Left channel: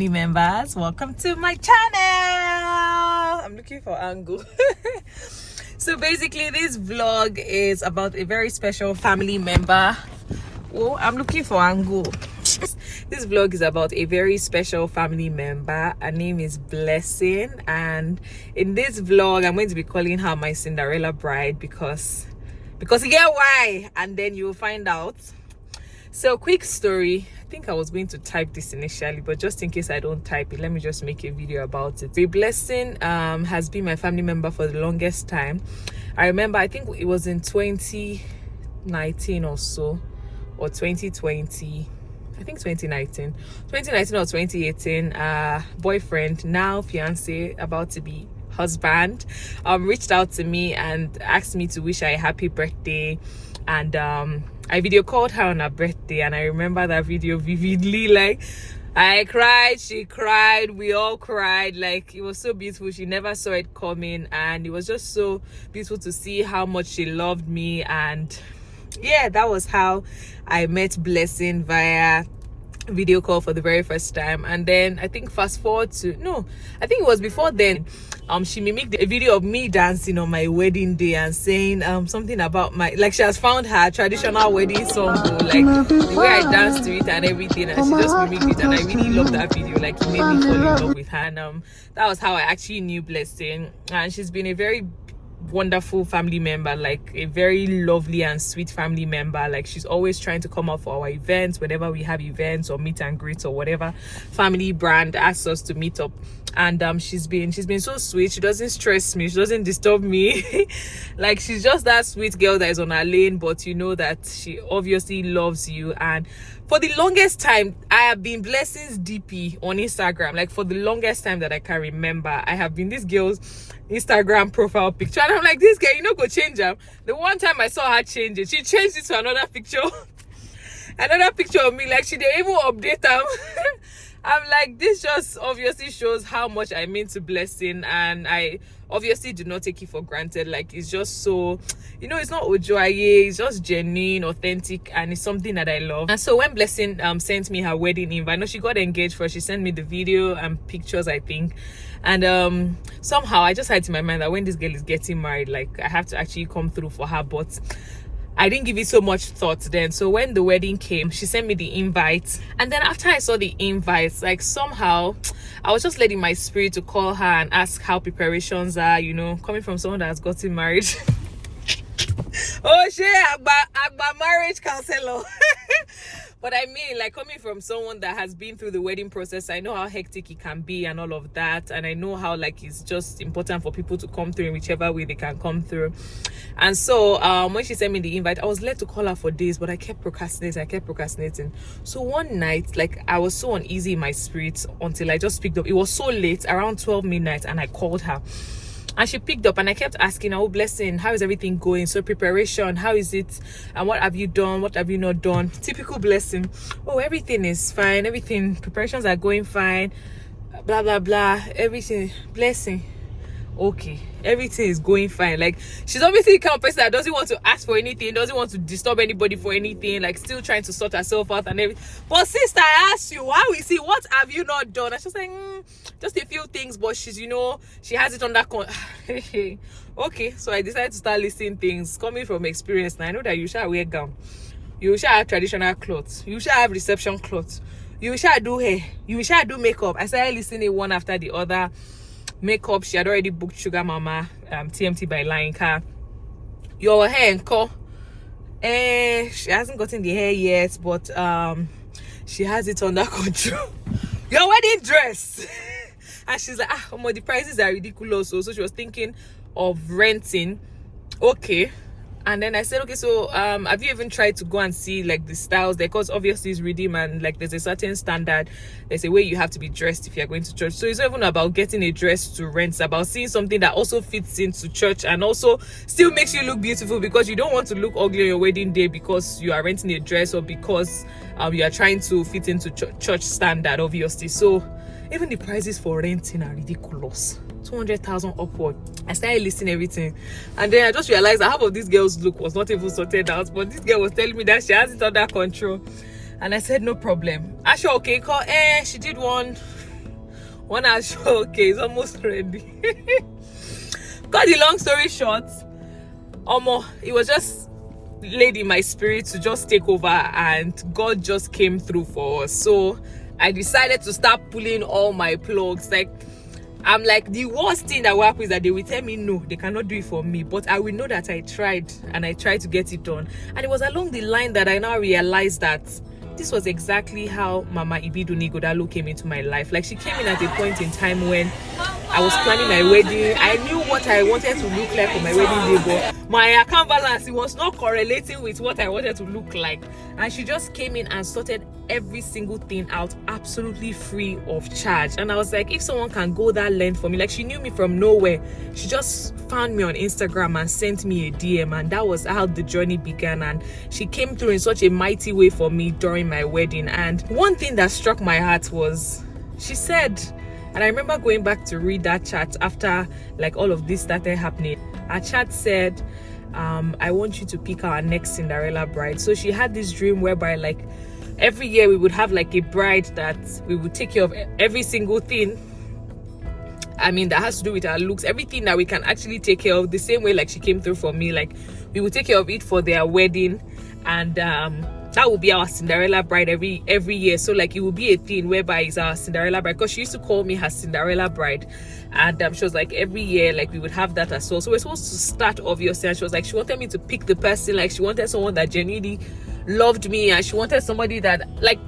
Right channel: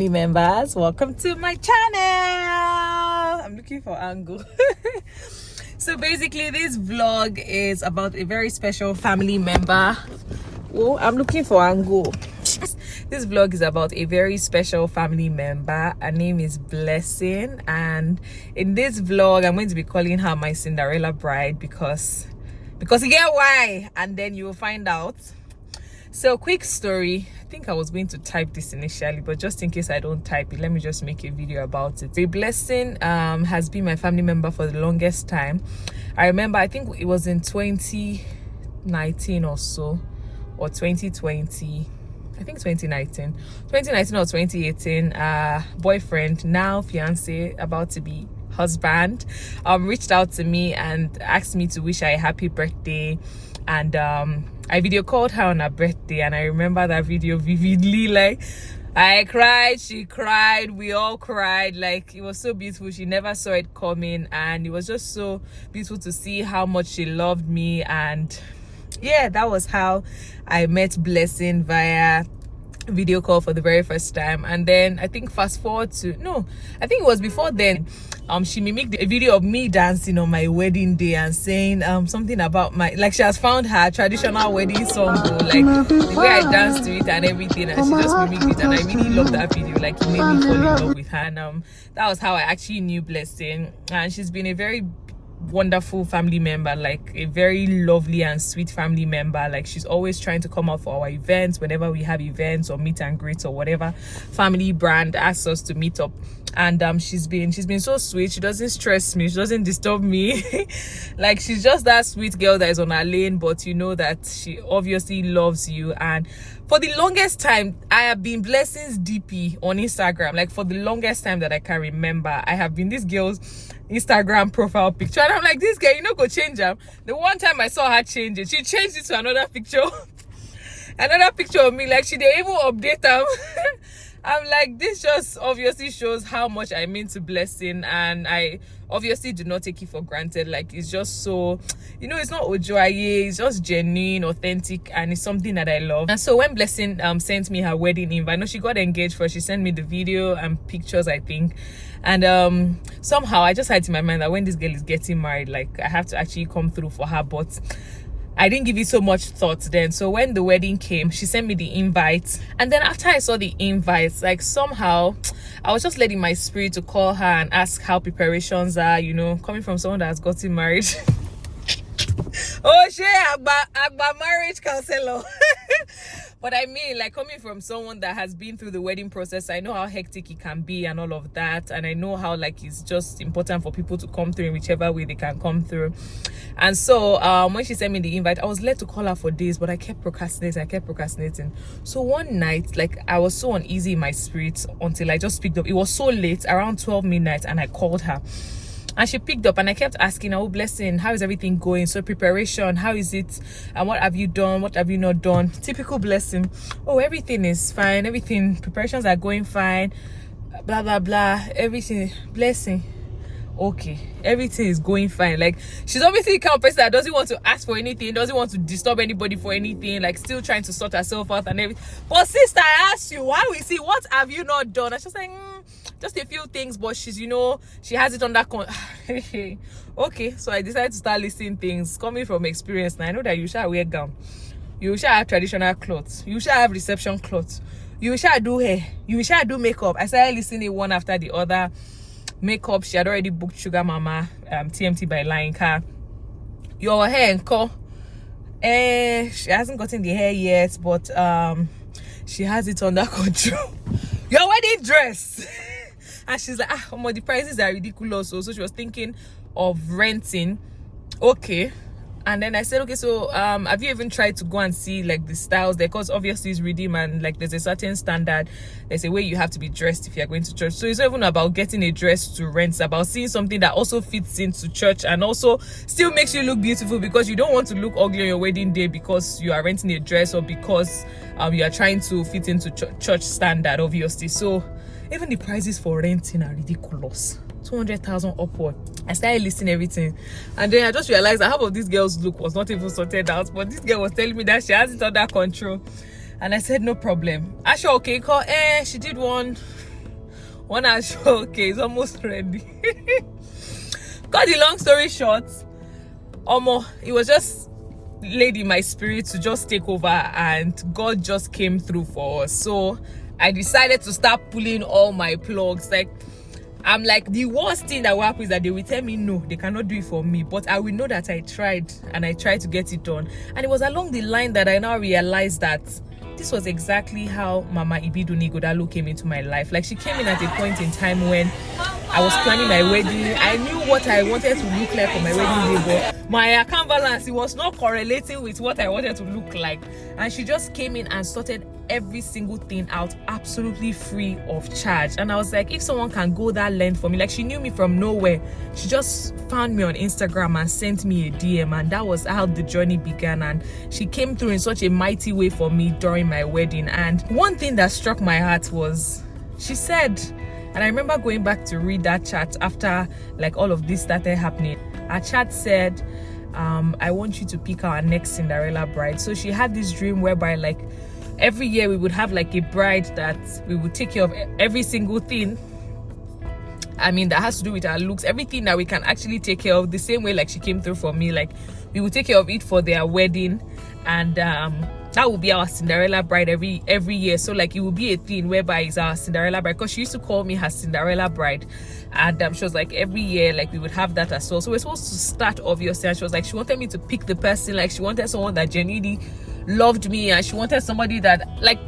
family members, welcome to my channel. I'm looking for angle. So basically this vlog is about a very special family member. Oh, I'm looking for angle. This vlog is about a very special family member. Her name is Blessing, and in this vlog I'm going to be calling her my Cinderella Bride because you get why, and then you'll find out. So quick story, I think I was going to type this initially, but just in case I don't type it, let me just make a video about it. The Blessing has been my family member for the longest time. I remember, I think it was in 2019 or so, or 2020, I think 2019 or 2018. Boyfriend, now fiance, about to be husband, reached out to me and asked me to wish her a happy birthday, and I video called her on her birthday, and I remember that video vividly. Like, I cried, she cried, we all cried. Like, it was so beautiful. She never saw it coming, and it was just so beautiful to see how much she loved me. And yeah, that was how I met Blessing, via video call for the very first time. And then I think fast forward to, no, I think it was before then, she mimicked a video of me dancing on my wedding day and saying something about my, like, she has found her traditional wedding song, like the way I danced to it and everything, and she just mimicked it, and I really loved that video. Like, it made me fall in love with her. And that was how I actually knew Blessing. And she's been a very wonderful family member, like a very lovely and sweet family member. Like, she's always trying to come out for our events whenever we have events or meet and greets or whatever family brand asks us to meet up. And she's been so sweet. She doesn't stress me, she doesn't disturb me. Like, she's just that sweet girl that is on her lane, but you know that she obviously loves you. And for the longest time, I have been Blessing's DP on Instagram. Like, for the longest time that I can remember, I have been this girl's Instagram profile picture, and I'm like, this girl, you know, go change her. The one time I saw her change it, she changed it to another picture. Another picture of me. Like, she didn't even update them. I'm like, this just obviously shows how much I mean to Blessing, and I obviously do not take it for granted. Like, it's just so, you know, it's not ojoaye, it's just genuine, authentic, and it's something that I love. And so when Blessing sent me her wedding invite, I know she got engaged first, she sent me the video and pictures, I think. And somehow I just had in my mind that when this girl is getting married, like, I have to actually come through for her. But I didn't give it so much thought then. So when the wedding came, she sent me the invite, and then after I saw the invites, like, somehow I was just letting my spirit to call her and ask how preparations are, you know, coming from someone that has gotten married. Oh shit, Agba marriage counselor. But I mean, like, coming from someone that has been through the wedding process, I know how hectic it can be and all of that. And I know how, like, it's just important for people to come through in whichever way they can come through. And so when she sent me the invite, I was led to call her for days, but I kept procrastinating. So one night, like, I was so uneasy in my spirit until I just picked up. It was so late, around 12 midnight, and I called her. And she picked up, and I kept asking her, oh, Blessing, how is everything going? So preparation, how is it? And what have you done? What have you not done? Typical Blessing. Oh, everything is fine. Everything, preparations are going fine. Blah, blah, blah. Everything. Blessing. Okay, everything is going fine. Like, she's obviously the kind of person that doesn't want to ask for anything, doesn't want to disturb anybody for anything, like, still trying to sort herself out and everything. But sister, I asked you, why we see, what have you not done? I was just like, just a few things, but she's, you know, she has it under okay, so I decided to start listing things coming from experience. Now I know that you shall wear gown, you shall have traditional clothes, you shall have reception clothes, you shall do hair, you shall do makeup. I started listening one after the other. Makeup, she had already booked Sugar Mama, TMT by Lion Car. Your hair and co, she hasn't gotten the hair yet, but she has it under control. Your wedding dress. And she's like, the prices are ridiculous. So she was thinking of renting. Okay. And then I said, okay, so have you even tried to go and see, like, the styles there? Because obviously it's redeem, and, like, there's a certain standard, there's a way you have to be dressed if you're going to church. So it's not even about getting a dress to rent, it's about seeing something that also fits into church and also still makes you look beautiful, because you don't want to look ugly on your wedding day because you are renting a dress, or because you are trying to fit into church standard, obviously. So even the prices for renting are ridiculous. 200,000 upward. I started listing everything, and then I just realized that half of this girl's look was not even sorted out, but this girl was telling me that she has it under control. And I said, no problem. Asha, okay, call. She did one One Asooke is almost ready. Got the long story short, it was just laid in my spirit to just take over, and God just came through for us. So I decided to start pulling all my plugs. Like, I'm like, the worst thing that will happen is that they will tell me no, they cannot do it for me, but I will know that I tried and I tried to get it done. And it was along the line that I now realized that this was exactly how Mama Ibidun Godalo came into my life. Like, she came in at a point in time when I was planning my wedding. I knew what I wanted to look like for my wedding day, but my account balance, it was not correlating with what I wanted to look like. And she just came in and sorted every single thing out absolutely free of charge. And I was like, if someone can go that length for me, like, she knew me from nowhere. She just found me on Instagram and sent me a DM, and that was how the journey began. And she came through in such a mighty way for me during my wedding. And one thing that struck my heart was, she said, and I remember going back to read that chat after like all of this started happening. Our chat said, I want you to pick our next Cinderella bride. So she had this dream whereby, like, every year we would have like a bride that we would take care of every single thing. I mean, that has to do with our looks, everything that we can actually take care of, the same way like she came through for me. Like, we would take care of it for their wedding, and that will be our Cinderella bride every year. So like, it will be a thing whereby it's our Cinderella bride, because she used to call me her Cinderella bride. And she was like, every year, like, we would have that as well. So we're supposed to start, obviously, and she was like, she wanted me to pick the person. Like, she wanted someone that genuinely loved me, and she wanted somebody that, like,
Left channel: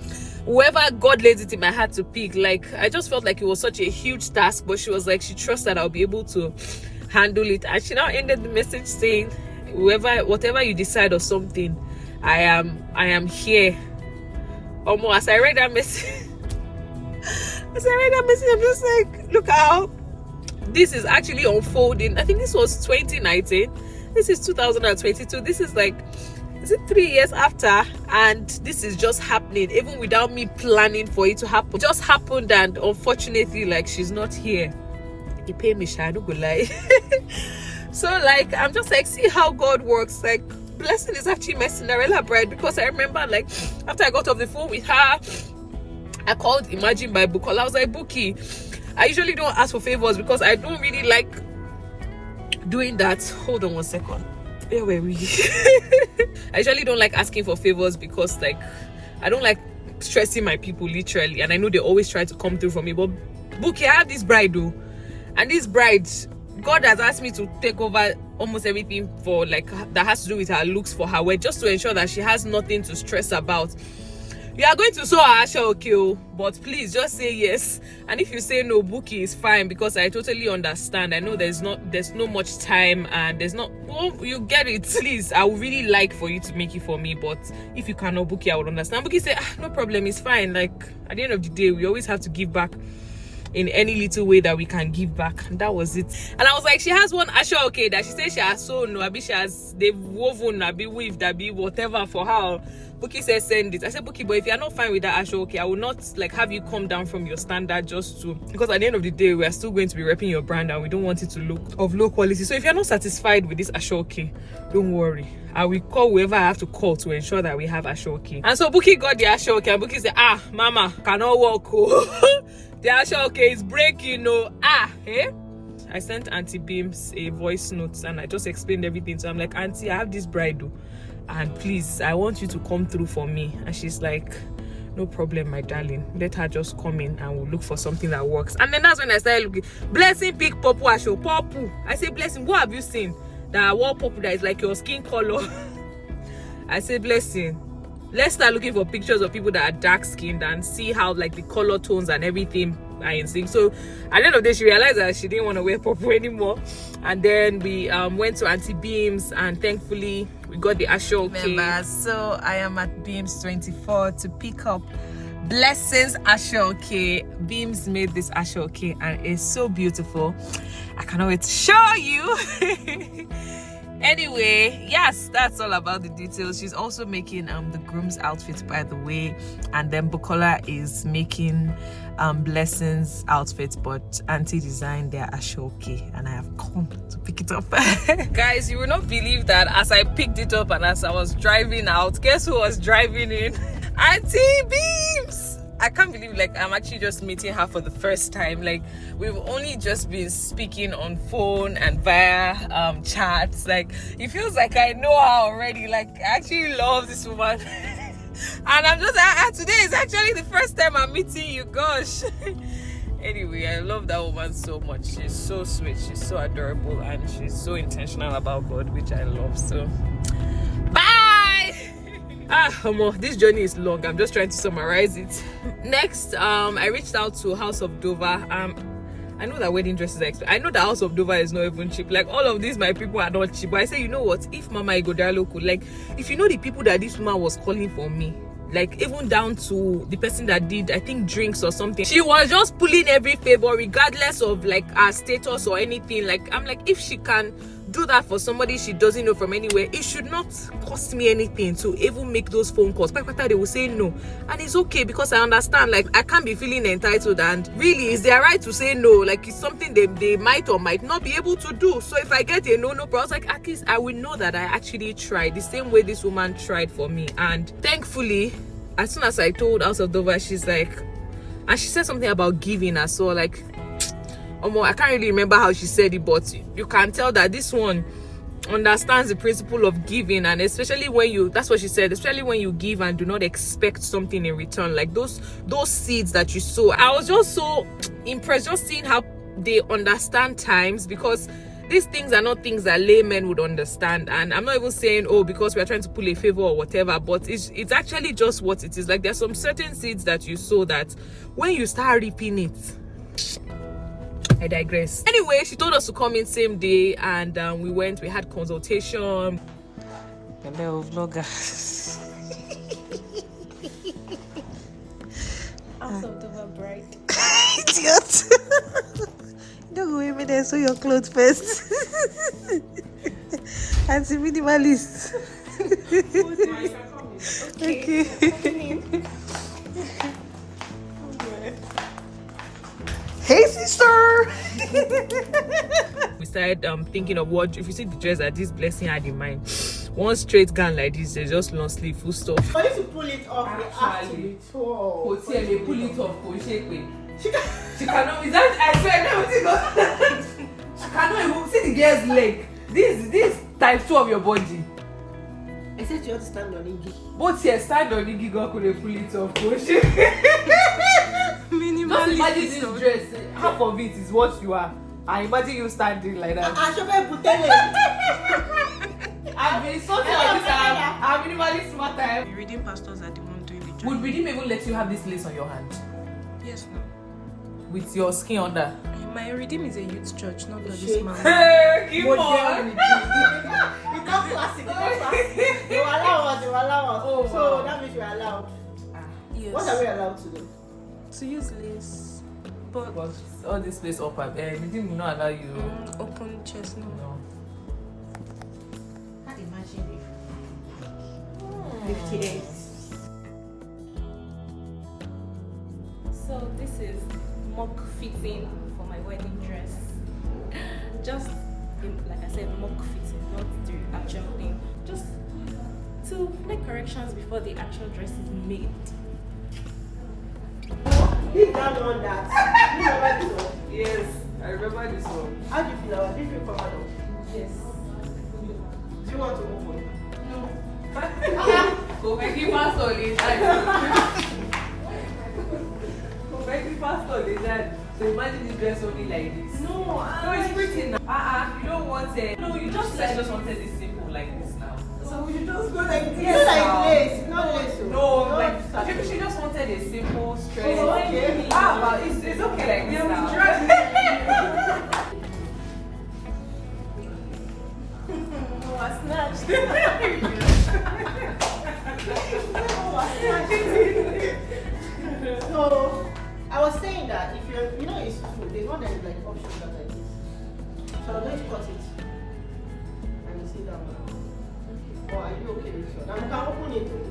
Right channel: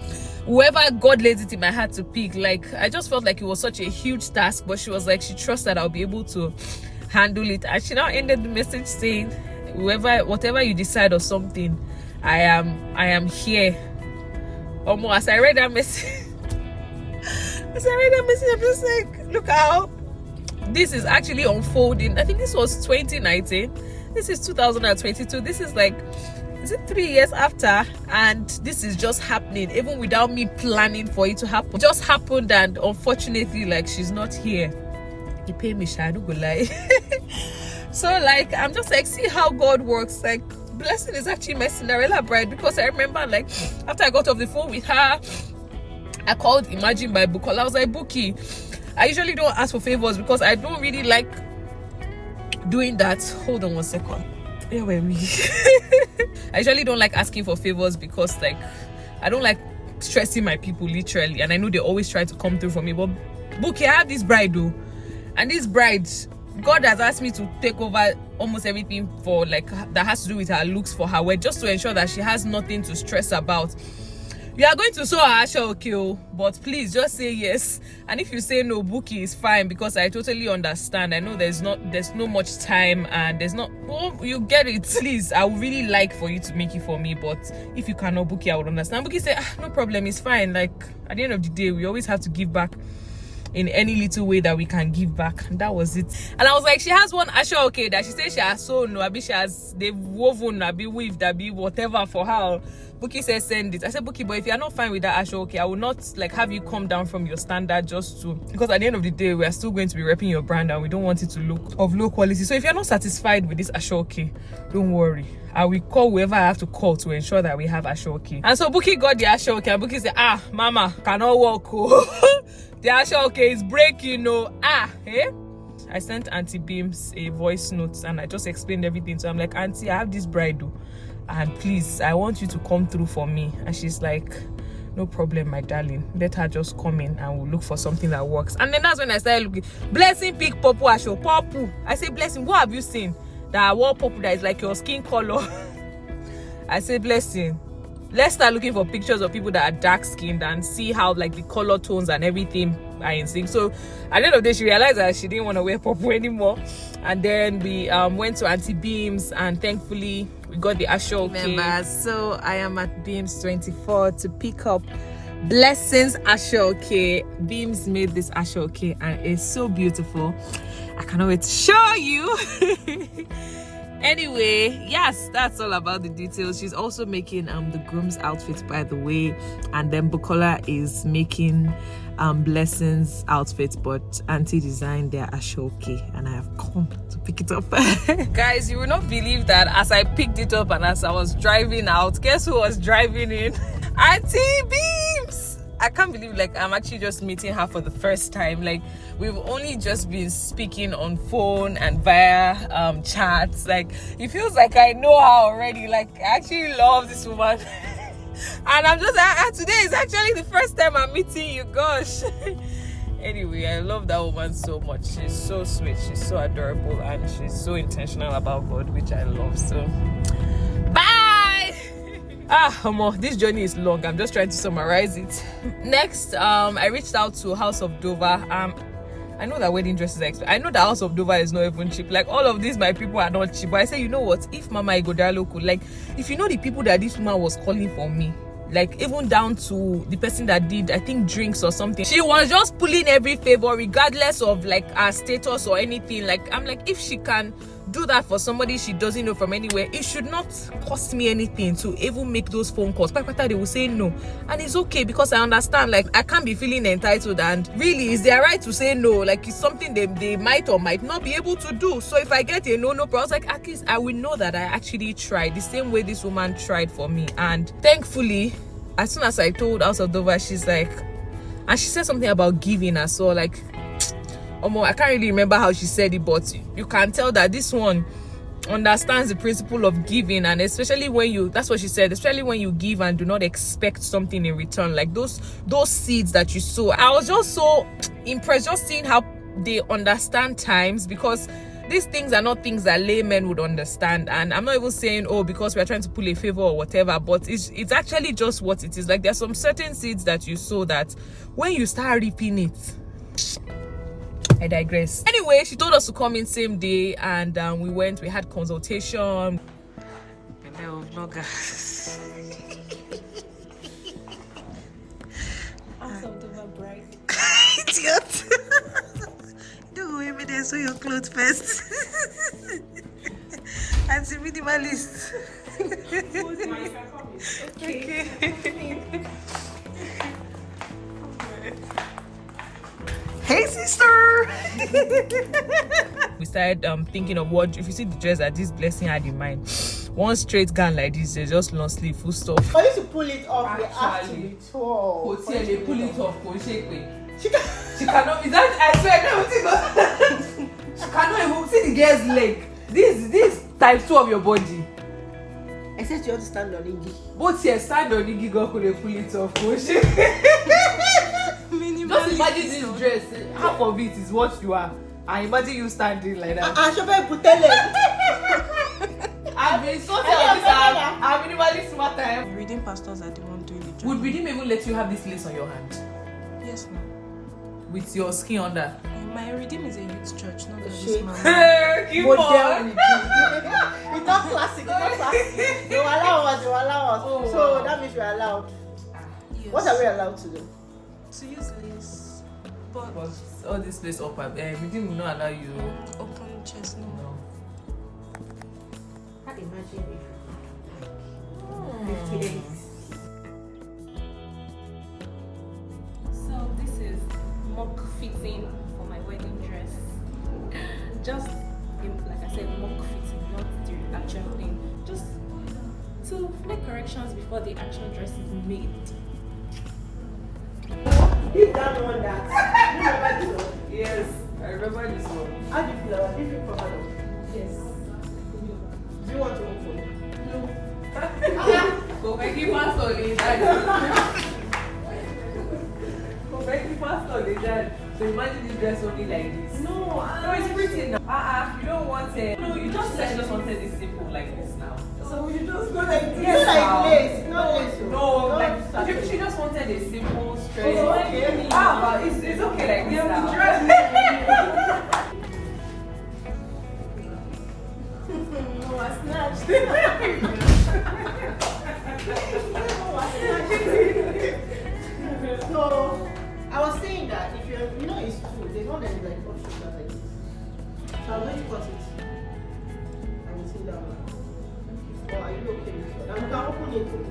whoever God laid it in my heart to pick. Like, I just felt like it was such a huge task, but she was like, she trusts that I'll be able to handle it. And she now ended the message saying, whatever you decide or something, I am here. Almost as I read that message, I'm just like, look how this is actually unfolding. I think this was 2019. This is 2022. This is like, is it 3 years after? And this is just happening, even without me planning for it to happen. It just happened, and unfortunately, like, she's not here. He paid me, I don't go lie. So like, I'm just like, see how God works. Like, Blessing is actually my Cinderella bride, because I remember, like, after I got off the phone with her, I called Imagine by Bukola. I was like, Buki, I usually don't ask for favors because I don't really like doing that. Hold on one second. Where were we? I usually don't like asking for favors because, like, I don't like stressing my people, literally, and I know they always try to come through for me. But Buki, I have this bride though, and this bride, God has asked me to take over almost everything for, like, that has to do with her looks for her wedding, just to ensure that she has nothing to stress about. We are going to sew her Asooke, but please just say yes. And if you say no, Buki, is fine, because I totally understand. I know there's no much time, and there's not, well, you get it. Please, I would really like for you to make it for me, but if you cannot, Buki, I would understand. Buki said, no problem, it's fine. Like, at the end of the day, we always have to give back in any little way that we can give back. And that was it. And I was like, she has one Asooke that she says she has sewn, they've woven, weaved, whatever for her. Buki says send it. I said, Buki, but if you're not fine with that Asooke, I will not, like, have you come down from your standard just to, because at the end of the day, we are still going to be repping your brand, and we don't want it to look of low quality. So if you're not satisfied with this Asooke, don't worry, I will call whoever I have to call to ensure that we have Asooke. And so Buki got the Asooke, and Buki said, mama, cannot walk. The Asooke is breaking, I sent Auntie Beams a voice note, and I just explained everything. So I'm like, Auntie, I have this bride, and please, I want you to come through for me. And she's like, no problem, my darling, let her just come in and we'll look for something that works. And then that's when I started looking. Blessing pick purple Asooke. Purple. I say, Blessing, what have you seen that wore purple that is like your skin color? I say, Blessing, let's start looking for pictures of people that are dark skinned and see how, like, the color tones and everything are in sync. So at the end of the day, she realized that she didn't want to wear purple anymore. And then we went to Auntie Beams, and thankfully we got the Asooke. Remember, so I am at Beams 24 to pick up Blessing's Asooke. Beams made this Asooke, and it's so beautiful. I cannot wait to show you. Anyway, yes, that's all about the details. She's also making the groom's outfit, by the way, and then Bukola is making Blessing's outfit, but Auntie designed their Asooke, and I have come to pick it up. Guys, you will not believe that as I picked it up and as I was driving out, guess who was driving in? Auntie Beams. I can't believe like I'm actually just meeting her for the first time. Like we've only just been speaking on phone and via chats. Like it feels like I know her already. Like I actually love this woman. And I'm just like, today is actually the first time I'm meeting you. Gosh. Anyway, I love that woman so much. She's so sweet, she's so adorable, and she's so intentional about God, which I love. So bye. This journey is long. I'm just trying to summarize it. Next, I reached out to House of Dover. I know that wedding dresses are expensive. I know the House of Dover is not even cheap. Like all of these, my people are not cheap. But I say, you know what? If Mama Igodalo could, like, if you know the people that this woman was calling for me, like even down to the person that did, I think, drinks or something, she was just pulling every favor regardless of like her status or anything. Like I'm like, if she can do that for somebody she doesn't know from anywhere, it should not cost me anything to even make those phone calls. By the time they will say no, and it's okay, because I understand, like I can't be feeling entitled, and really it's their right to say no. Like it's something they might or might not be able to do. So if I get a no, but I was like, at least I will know that I actually tried the same way this woman tried for me. And thankfully, as soon as I told House of Dover, she's like, and she said something about giving as well. Like, I can't really remember how she said it, but you can tell that this one understands the principle of giving. And especially when you, that's what she said, especially when you give and do not expect something in return, like those seeds that you sow. I was just so impressed just seeing how they understand times, because these things are not things that laymen would understand. And I'm not even saying, oh, because we're trying to pull a favor or whatever, but it's actually just what it is. Like there's some certain seeds that you sow that when you start reaping it, I digress. Anyway, she told us to come in same day, and we went. We had consultation. Hello, vlogger. Cinderella Bride. Idiot. Don't go with me there, sew your clothes first. And see minimalist. Okay. Hey, sister. We started thinking of what, if you see the dress that this blessing had in mind, one straight gown like this, they just long sleeve, full stop. For you to pull it off, you have to Pull it off. She cannot. Is that? I swear, everything goes. She cannot even see the girl's leg. This type 2 of your body. Except you have to stand on Iggy. Both here, stand on Iggy, girl could pull it off. Just imagine this dress. Half of it is what you are. I imagine you standing like that. I've been so I'm minimally smarter. Reading pastors are the one doing the job. Would Redeem even let you have this lace on your hand? Yes, no. With your skin under? My Redeem is a youth church, not this man. Keep on. It's not classic, They will allow us. Oh, so wow. that means we're allowed. Yes. What are we allowed to do? To use lace. But all this place up, Redeem will not allow you. Open chest, no. I can't imagine 58. So this is mock fitting for my wedding dress. Just like I said, mock fitting, not the actual thing. Just to make corrections before the actual dress is made. Deep down on that. You remember this one? Yes, I remember this one. How do you feel about it? Do you feel proud of it? Yes. Do you want to open? No. Go back in pastor, Go back in pastor, so imagine this dress only like this. No, it's pretty now. You don't want it. No, you just wanted it simple like this now. So you just go like this. Yes, Like lace. Not lace. No, like she just wanted a simple, straight. Oh, okay. But it's okay like this now. No, I snatched. No, I was saying that if you're, it's true. There's one that is like options that like this. So I'm going to cut it. And you see that one. Or are you okay with it? Now you can open it too.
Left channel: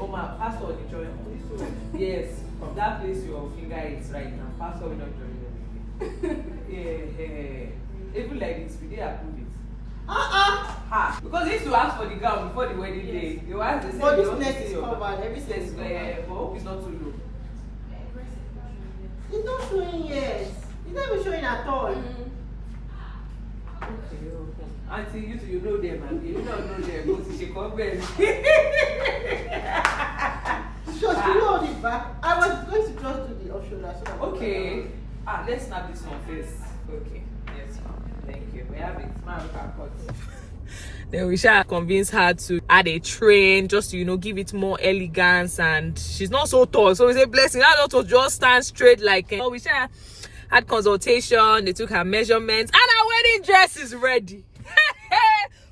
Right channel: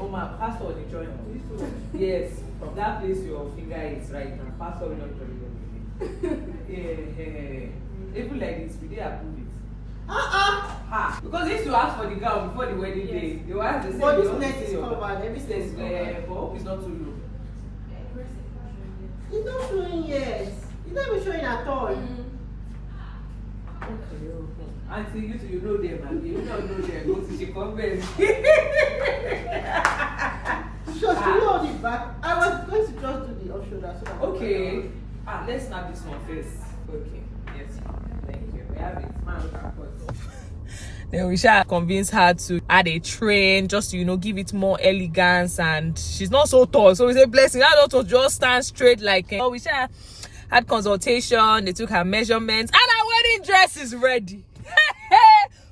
Oh my pastor will join. Yes, from that place your finger is right now. Pastor will not join you. Even like this, we did approve it. Because they used to ask for the gown before the wedding day. They were asked, they said, But they this want to neck see is your covered. Everything is covered. but hope it's not too low. It's not showing yet. It's not even showing at all. Okay. Auntie, you know them, and you don't know them. Go to Chicago. Sure, she hold it back. I was going to just do the off shoulder. So that Okay. Let's snap this one first. Okay. Yes. Thank you. We have it. Man, look at cut. Then we shall convince her to add a train just to, give it more elegance, and she's not so tall. So we say, blessing, I don't to just stand straight like we shall had consultation, they took her measurements, and her wedding dress is ready.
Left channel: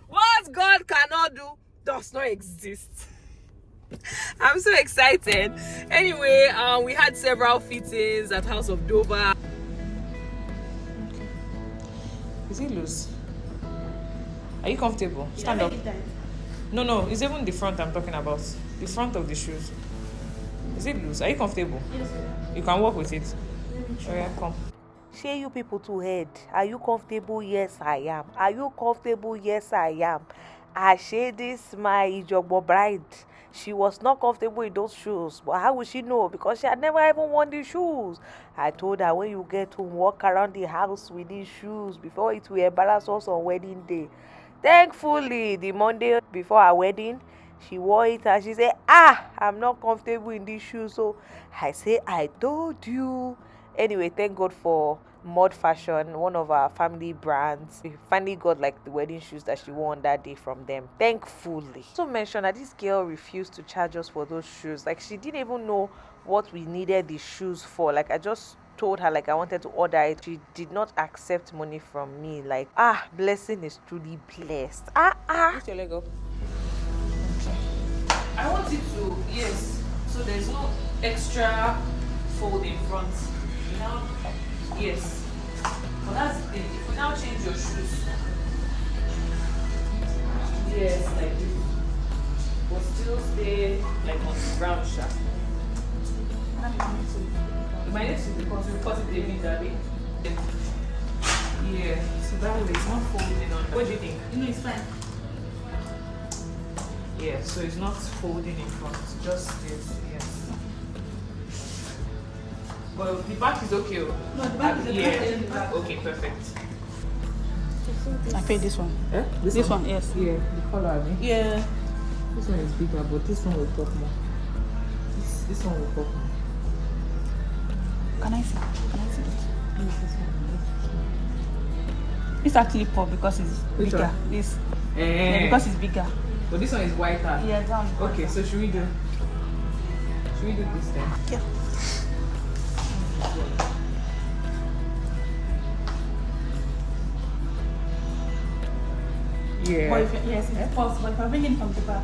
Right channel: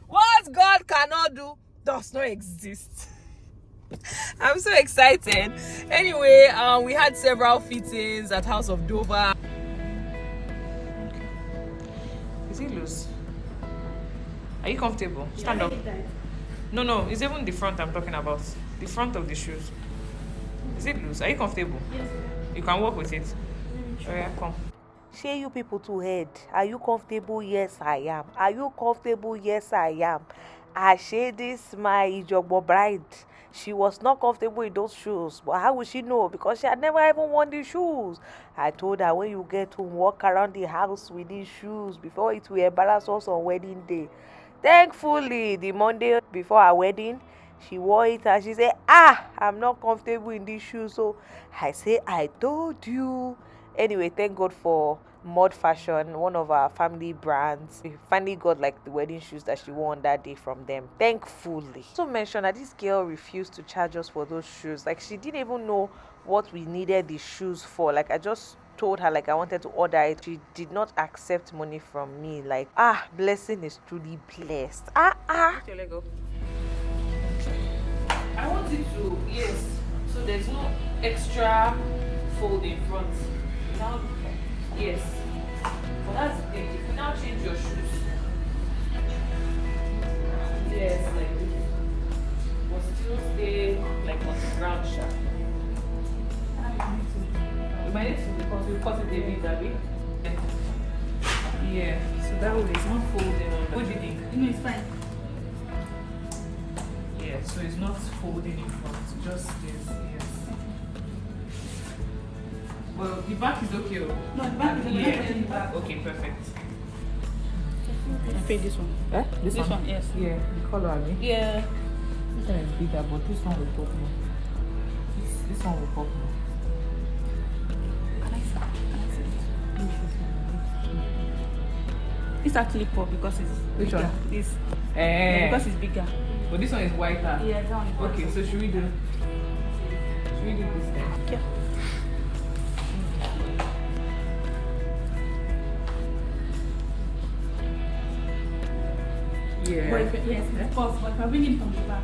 What God cannot do does not exist. I'm so excited. Anyway, we had several fittings at House of Dover. Is it loose? Are you comfortable? Stand up. No, it's even the front I'm talking about. The front of the shoes. Is it loose? Are you comfortable? Yes, sir. You can walk with it. Oh yeah, come. Share you people to head. Are you comfortable? Yes, I am. Are you comfortable? Yes, I am. I share this my Ijogbo bride. She was not comfortable in those shoes. But how would she know? Because she had never even worn these shoes. I told her when you get to walk around the house with these shoes before it will embarrass us on wedding day. Thankfully, the Monday before our wedding, she wore it and she said, I'm not comfortable in these shoes. So I say, I told you. Anyway, thank God for Mod Fashion, one of our family brands. We finally got like the wedding shoes that she wore on that day from them, thankfully. Also mentioned that this girl refused to charge us for those shoes. Like, she didn't even know what we needed the shoes for. Like, I just told her like I wanted to order it. She did not accept money from me. Like, blessing is truly blessed. Lift your leg up. I want it to, yes. So there's no extra fold in front. Now, yes. But that's the thing. If you now change your shoes, yes, like this, but still stay like on the ground shaft. You might need to, because you cut it a bit, Abby. Yeah, so that way it's not folding on. What do you think? No, it's fine. Yeah, so it's not folding in front, just this, yes. Well, the back is okay. No, the back is okay. Yeah. Okay, perfect. I paid this one. Eh? This one, yes. Yeah, the color, I mean. Yeah. This one is bigger, but this one will pop more. This one will pop more. Can I see? This one. This actually pop because it's Which bigger. one? This. Because it's bigger. But this one is whiter. Yeah, that one. Okay, so should we do this then? Yeah. Yeah. But yes, it's false, but if I bring it from the back.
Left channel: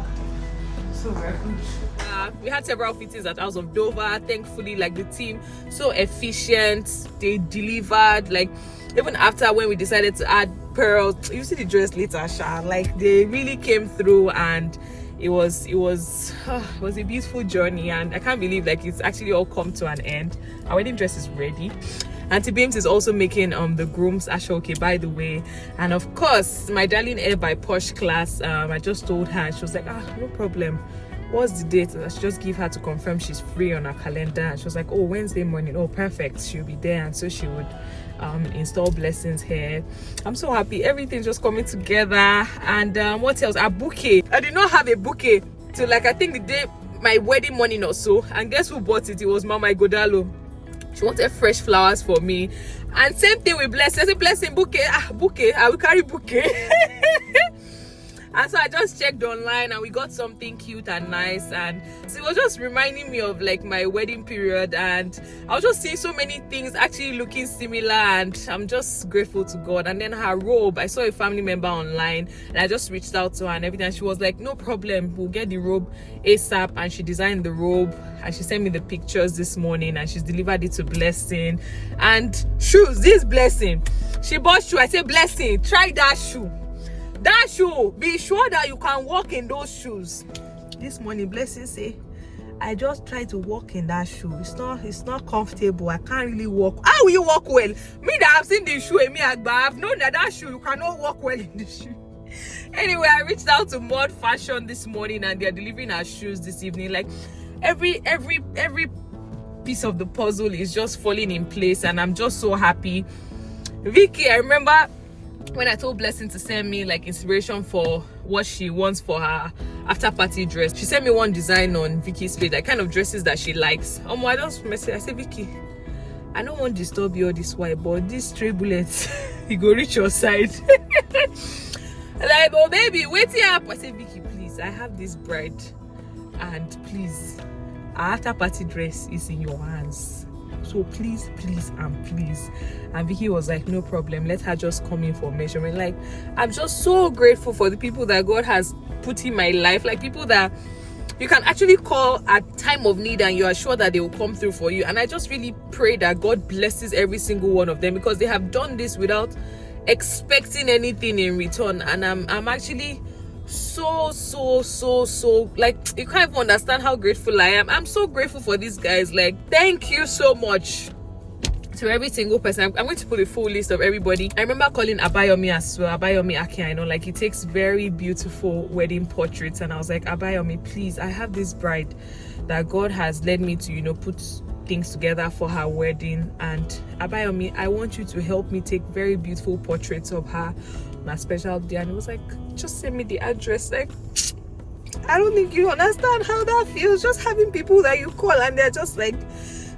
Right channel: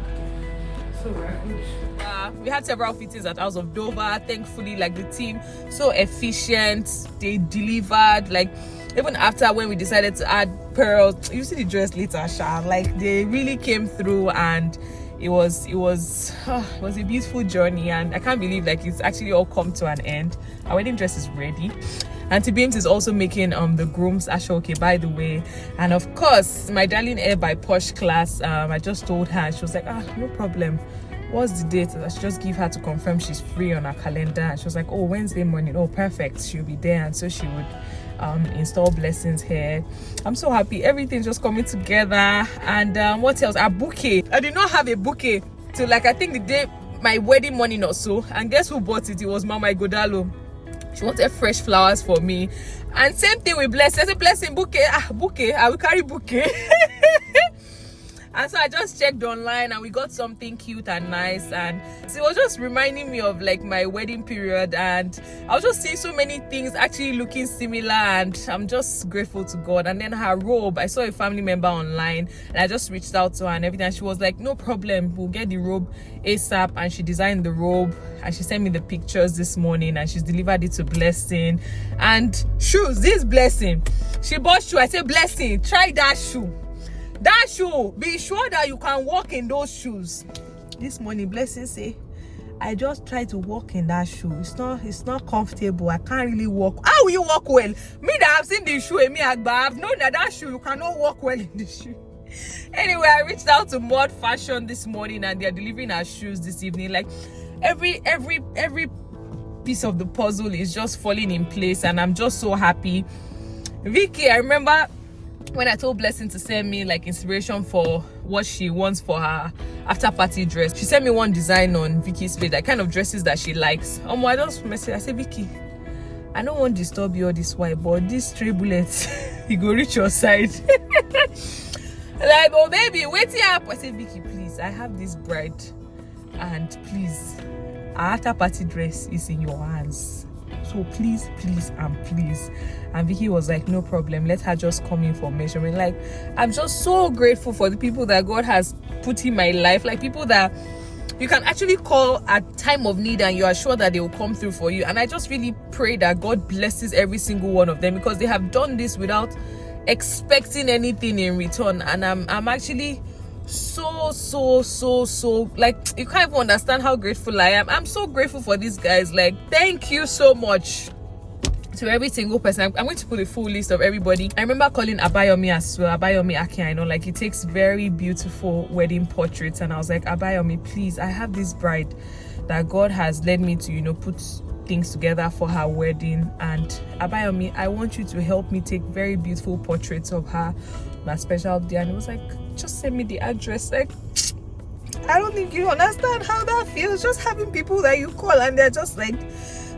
So we're good. We had several fittings at House of Dover. Thankfully, like the team, so efficient. They delivered. Like even after when we decided to add pearls, you see the dress later, Sha. Like they really came through, and it was a beautiful journey. And I can't believe like it's actually all come to an end. Our wedding dress is ready. Auntie Beams is also making the grooms Asooke, by the way. And of course, my darling Air by Posh class, I just told her, and she was like, no problem. What's the date? I should just give her to confirm she's free on her calendar. And she was like, oh, Wednesday morning. Oh, perfect. She'll be there. And so she would install blessings here. I'm so happy. Everything's just coming together. And what else? A bouquet. I did not have a bouquet till like I think the day my wedding morning or so. And guess who bought it? It was Mama Igodalo. She wanted fresh flowers for me. And same thing with Blessing. I said, Blessing, bouquet. Bouquet. I will carry bouquet. And so I just checked online and we got something cute and nice. And so it was just reminding me of like my wedding period. And I was just seeing so many things actually looking similar. And I'm just grateful to God. And then her robe, I saw a family member online. And I just reached out to her and everything. And she was like, no problem. We'll get the robe ASAP. And she designed the robe. And she sent me the pictures this morning. And she's delivered it to Blessing. And shoes, this Blessing. She bought shoe. I said, Blessing, try that shoe. That shoe, be sure that you can walk in those shoes. This morning, Blessing say, I just try to walk in that shoe. It's not comfortable. I can't really walk. How will you walk well? Me that I've seen the shoe, I've known that shoe, you cannot walk well in the shoe. Anyway, I reached out to Mod Fashion this morning and they're delivering our shoes this evening. Like every piece of the puzzle is just falling in place and I'm just so happy. Vicky, I remember when I told Blessing to send me like inspiration for what she wants for her after party dress, she sent me one design on Vicky's page, like kind of dresses that she likes. I just messaged, I said, Vicky, I don't want to disturb you all this while, but these 3 bullets, you go reach your side. Like, oh baby, wait up. I said, Vicky, please, I have this bride and please, our after party dress is in your hands. So please and please. And Vicky was like, no problem, let her just come in for measurement. Like, I'm just so grateful for the people that God has put in my life, like people that you can actually call at time of need and you are sure that they will come through for you. And I just really pray that God blesses every single one of them, because they have done this without expecting anything in return. And I'm actually so like, you can't even understand how grateful I am. I'm so grateful for these guys. Like, thank you so much to every single person. I'm going to put a full list of everybody. I remember calling Abayomi as well, Abayomi Akin. I know, like, he takes very beautiful wedding portraits, and I was like, Abayomi, please, I have this bride that God has led me to, you know, put things together for her wedding, and Abayomi, I want you to help me take very beautiful portraits of her on a special day. And it was like, just send me the address. Like, I don't think you understand how that feels, just having people that you call and they're just like,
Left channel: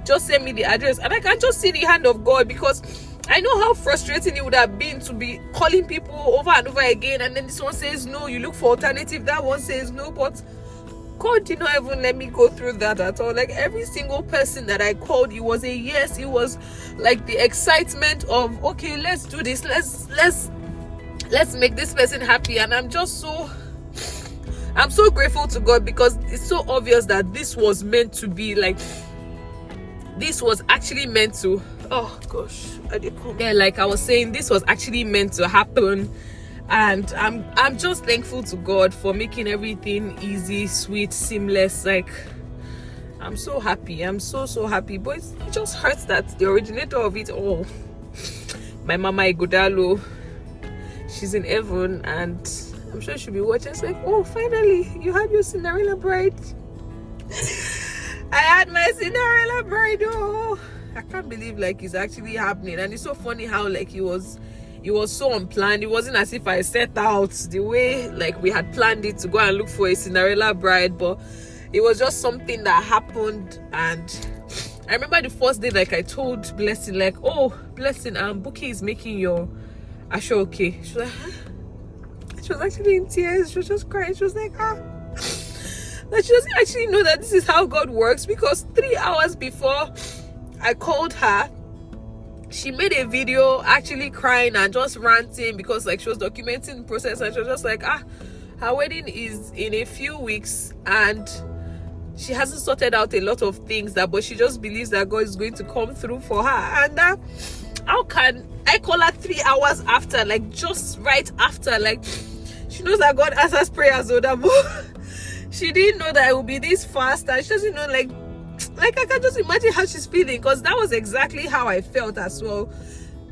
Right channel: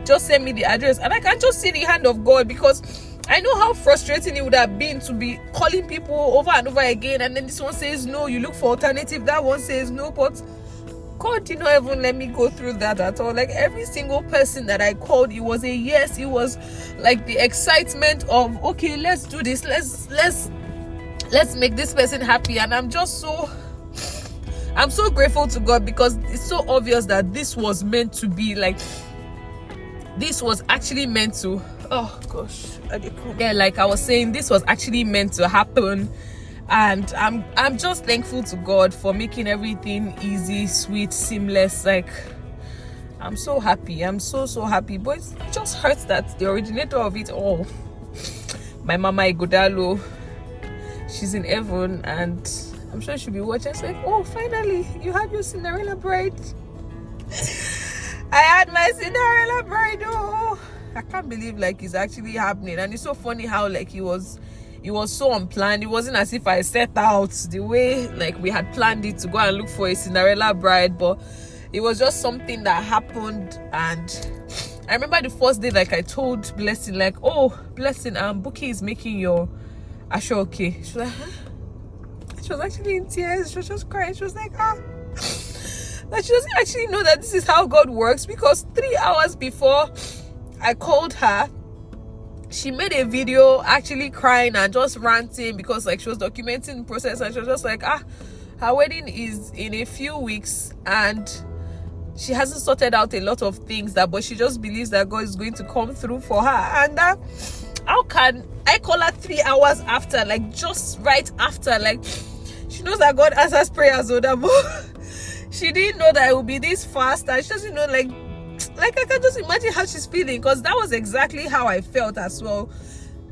just send me the address. And I can just see the hand of God, because I know how frustrating it would have been to be calling people over and over again, and then this one says no, you look for alternative, that one says no. But God did not even let me go through that at all. Like, every single person that I called, it was a yes. It was like the excitement of, okay, let's do this, let's make this person happy. And I'm so grateful to God, because it's so obvious that this was meant to be, like, this was actually meant to, oh gosh, yeah, like I was saying, this was actually meant to happen. And I'm just thankful to God for making everything easy, sweet, seamless. Like, I'm so happy. I'm so happy. But it just hurts that the originator of it all, my mama Igodalo, she's in heaven, and I'm sure she'll be watching. It's like, oh, finally, you had your Cinderella Bride. I had my Cinderella Bride. Oh, I can't believe, like, it's actually happening. And it's so funny how, like, it was so unplanned. It wasn't as if I set out the way, like, we had planned it to go and look for a Cinderella Bride, but it was just something that happened. And I remember the first day, like, I told Blessing, like, oh, Blessing, Bookie is making your Asooke. She was like, huh? She was actually in tears. She was just crying. She was like, ah. Like, she doesn't actually know that this is how God works, because 3 hours before I called her, she made a video actually crying and just ranting, because, like, she was documenting the process, and she was just like, her wedding is in a few weeks and she hasn't sorted out a lot of things, but she just believes that God is going to come through for her. And how can I call her 3 hours after, like, just right after? Like, she knows that God answers prayers, but she didn't know that it would be this fast, and she doesn't know, like I can just imagine how she's feeling, because that was exactly how I felt as well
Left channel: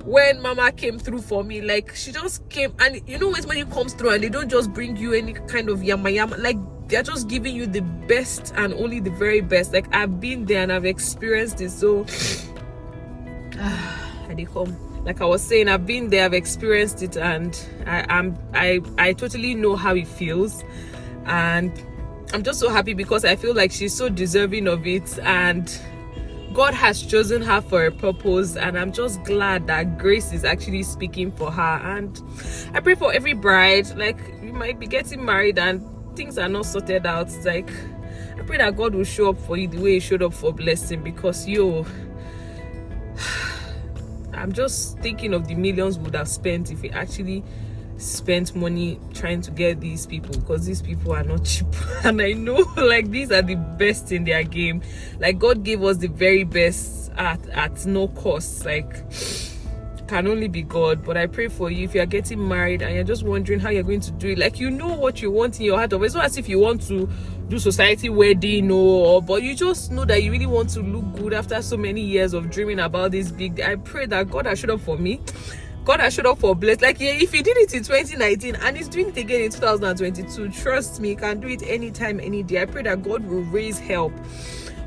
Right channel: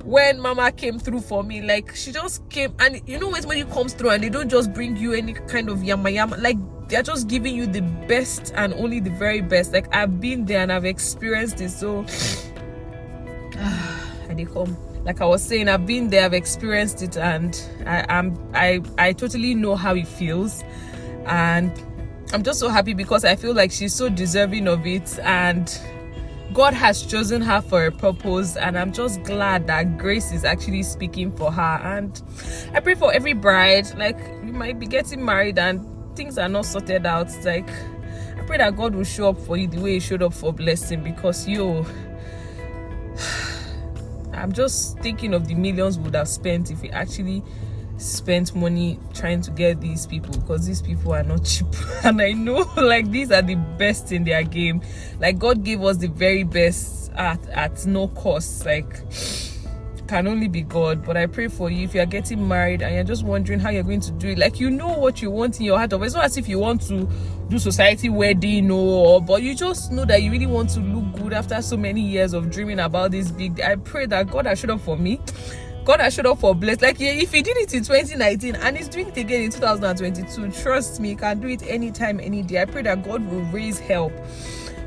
when Mama came through for me. Like, she just came, and you know when you comes through and they don't just bring you any kind of yama, like, they're just giving you the best and only the very best. Like, I've been there and I've experienced it. So I did come, like I was saying, I've been there, I've experienced it, and I totally know how it feels. And I'm just so happy, because I feel like she's so deserving of it, and God has chosen her for a purpose. And I'm just glad that grace is actually speaking for her. And I pray for every bride, like, you might be getting married and things are not sorted out. It's like, I pray that God will show up for you the way he showed up for Blessing, because I'm just thinking of the millions we would have spent if we actually spent money trying to get these people, because these people are not cheap. And I know, like, these are the best in their game. Like, God gave us the very best at no cost. Like, can only be God. But I pray for you, if you're getting married and you're just wondering how you're going to do it, like, you know what you want in your heart of. It's not as if you want to do society wedding or, but you just know that you really want to look good after so many years of dreaming about this big day. I pray that God has showed up for me. God has showed up for Blessed. Like, yeah, if he did it in 2019 and he's doing it again in 2022, trust me, he can do it anytime, any day. I pray that God will raise help.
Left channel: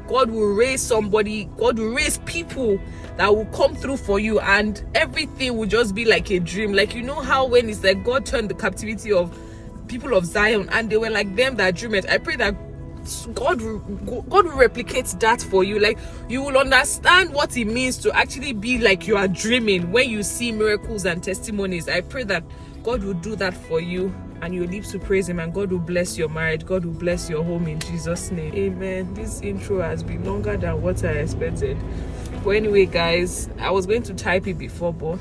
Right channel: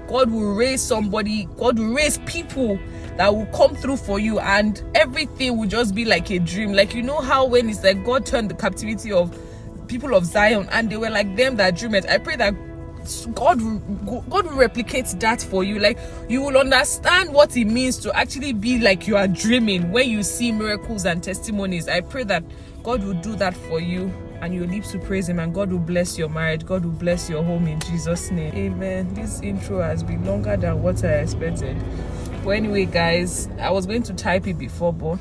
God will raise somebody. God will raise people that will come through for you, and everything will just be like a dream. Like, you know how when it's like God turned the captivity of people of Zion and they were like them that dream it. I pray that God will replicate that for you. Like, you will understand what it means to actually be like you are dreaming when you see miracles and testimonies. I pray that God will do that for you and your lips will praise him, and God will bless your marriage. God will bless your home in Jesus' name. Amen. This intro has been longer than what I expected. But anyway, guys, I was going to type it before, but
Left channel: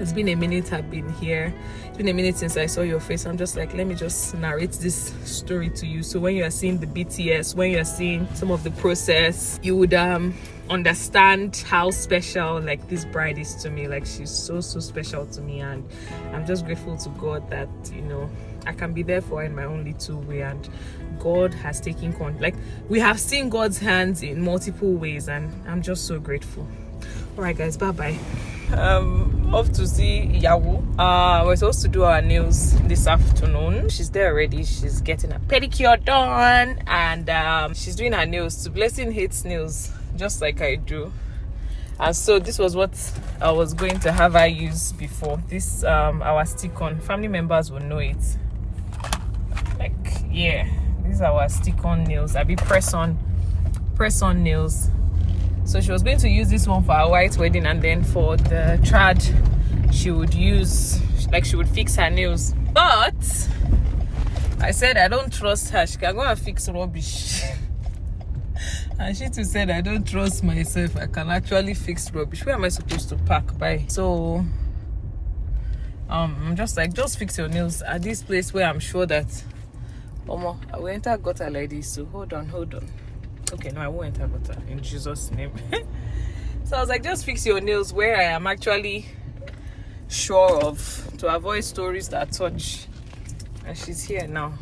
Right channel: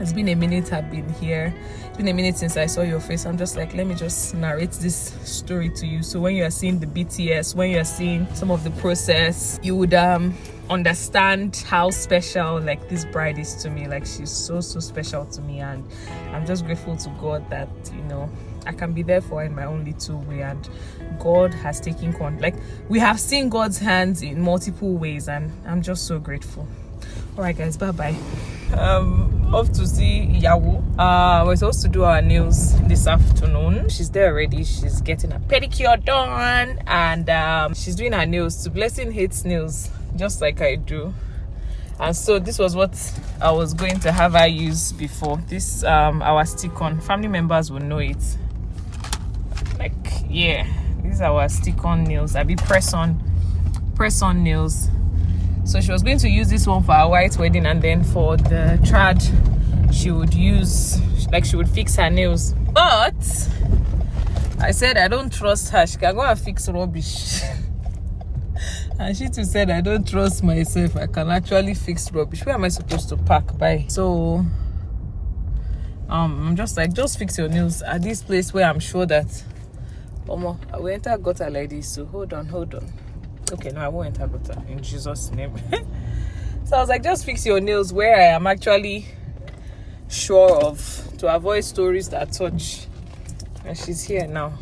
it's been a minute I've been here. It's been a minute since I saw your face. I'm just like, let me just narrate this story to you. So when you are seeing the BTS, when you are seeing some of the process, you would understand how special like this bride is to me. Like, she's so special to me, and I'm just grateful to God that, you know, I can be there for her in my own little way, and God has taken control. Like, we have seen God's hands in multiple ways, and I'm just so grateful. All right, guys, bye. Off to see Yawo. We're supposed to do our nails this afternoon. She's there already. She's getting a pedicure done, and she's doing her nails. Blessing hates nails just like I do, and so this was what I was going to have her use before this. Our stick-on, family members will know it. Like, yeah, these are our stick-on nails. I be press-on nails. So she was going to use this one for her white wedding, and then for the trad she would use, like, she would fix her nails. But I said I don't trust her. She can go and fix rubbish. And she too said I don't trust myself. I can actually fix rubbish. Where am I supposed to park by? So I'm just like, just fix your nails at this place where I'm sure that I will enter gutter like this. So hold on. Okay, no, I won't enter gutter in Jesus' name. So I was like, just fix your nails where I am actually sure of, to avoid stories that touch. And she's here now.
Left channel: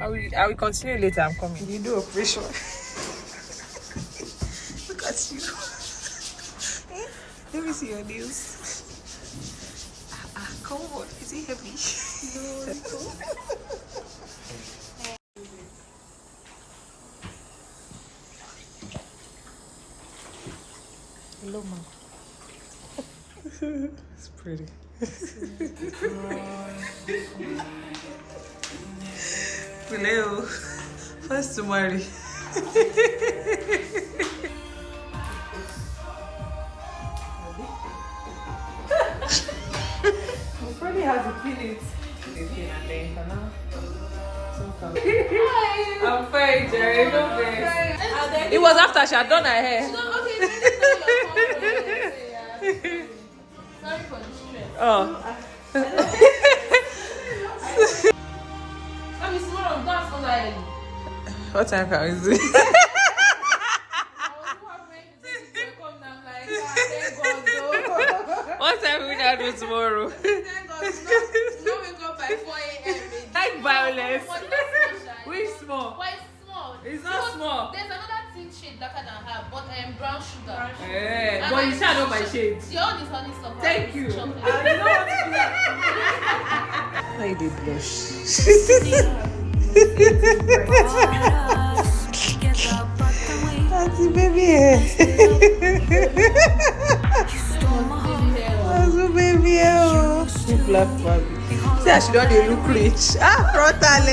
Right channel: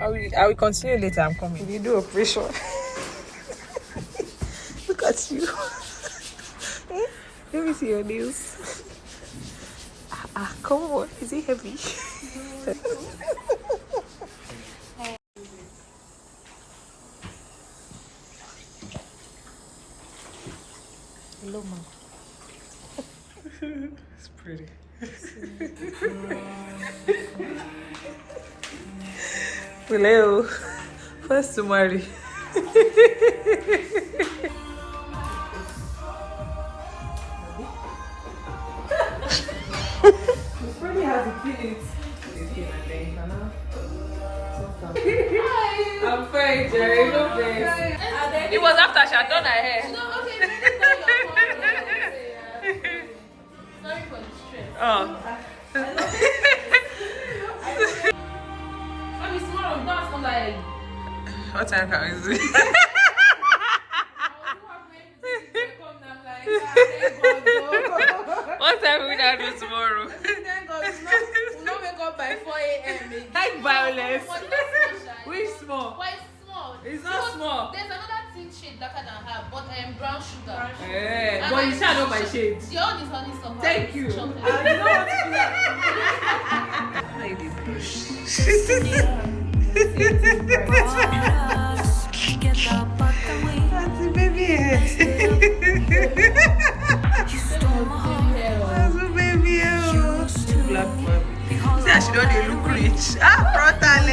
I will continue later. I'm coming. You do operation. Look at you. Let me see your nails. Come on. Is it heavy? Hello, mom. It's pretty. Hello. First to marry. You probably have to peel it. I'm fine, Jerry. No thanks. It was after she had done her hair. No, okay, sorry for the stress. Oh. I mean, small of that's on the What time can we do? What time will we do tomorrow? Thank God, we'll not wake up by 4 a.m. Like violence. Which small? Why it's small? It's not small. There's another thin shade darker than her, but brown sugar. Yeah, but you shall know my shades. Your own is honeysuckle. Thank you. Chocolate. I don't want to do that. Why did you blush? That's the baby. That's the baby. Black Barbie. See how she don't look rich. Frontal.